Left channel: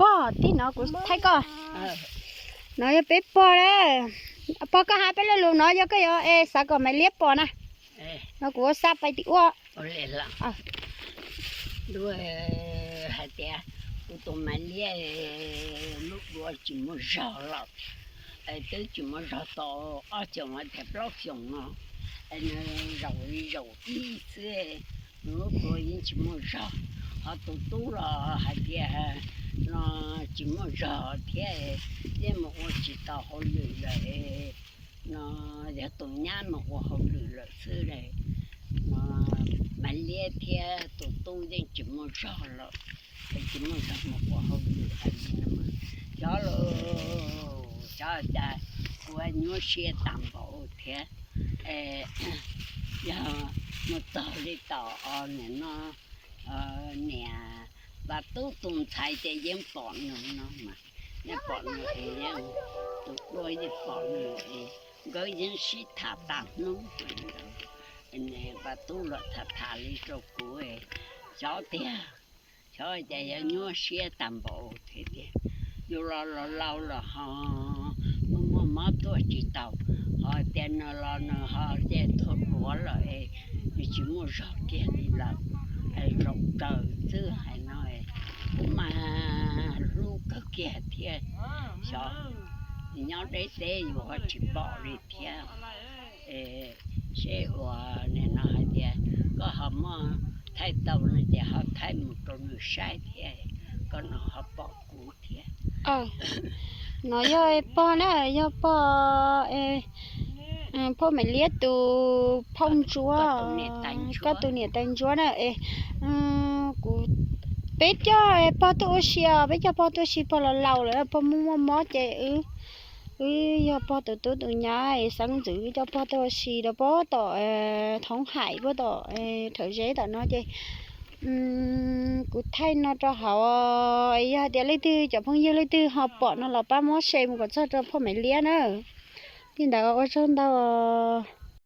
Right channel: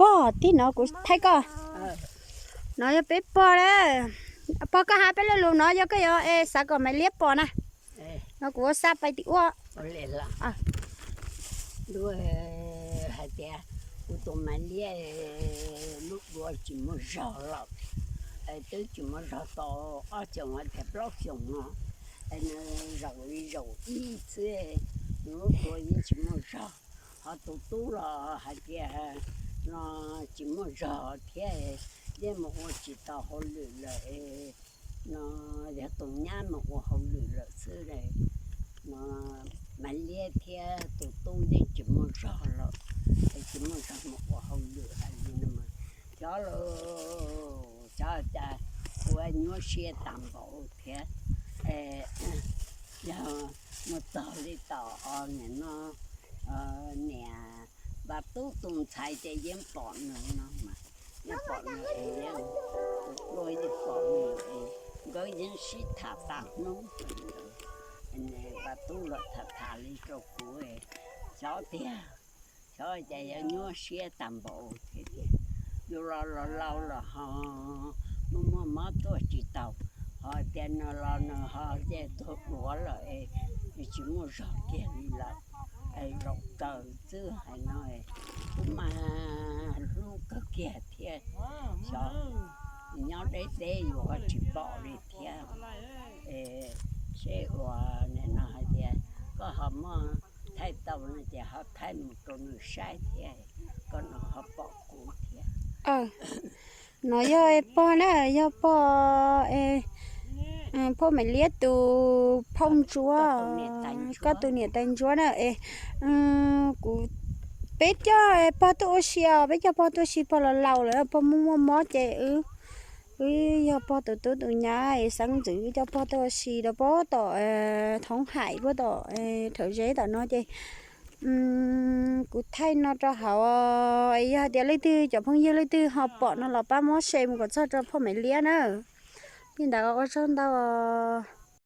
bò tí nó cũng thấy coi ờ nó cho bé bò đấy bò có hai bé luôn nó cho cái ê sao còn mày liếp bò nè nó cũng sắp bay tí quá đuôi hai của tụi mày lia lúc đuôi chỉ muốn rõ lắm tới chỉ muốn rõ to ở trong cái thẹp lót xong nó nó rồi rồi ý chứ lúc đuôi chỉ muốn rõ họ tụ tụ là hai tia nó chỉ muốn rõ thế à. để mà tôi chỉ tao họ lười lại. Nó để tụi nhá mà họ lười lại xưa này. Nó mà lia theo à, tụ tu đi chỉ muốn rõ rồi chỉ muốn rõ mà họ không lười hay mà. Cho lo cho ta của nhớ xe tạm bộ thế. Giờ một tờ đi tờ này nó ờ, ờ nè và tu tung chạy để dân bọn nữa nó mà nhà bọn nữa ấy dân tụ đôi đi bọn nữa ấy gọi dân sĩ thả tạm nó vậy đó nè và tu luật thả thả đi cho cũ ấy cho tiền cho để nhớ xe tạm bộ thế thì dù là là lâu là họ mà mà mà tôi chỉ tàu họ tiền là là nó họ để thốt lúa là ấy thì chỉ mua rõ kia đi làm ấy rộng tờ chứ hay nói cũng mà kia thì cho nhau đấy đấy họ chỉ bỏ đi ê sẽ hòa này nó thì có họ mà thay tàu này thì họ thay một con người sai có nó họ bỏ cũ thì ờ. Nó yo bò nè yo ê ừ, bò mày liếp từ phong chúa có từ nhiệt tanh chúa. nè ê ừ, cũng à, bé cho ê bò tôi xìa bé cho bò tôi xìa bò là lâu rồi bò mua mua mó chạy ư ư yo bò từ từ từ nhà ê sáng giữ cho bò tôi xia đó bò tỏ thống hải bò tỏ thở dễ đó nó chơi Ừm, cụ thay nó cho họ ấy giờ để lấy tư cho phong yêu lấy tư họ bỏ nó là ba món xem còn sao cho phong mày lia nữa. Thì đã có cho đâu ờ,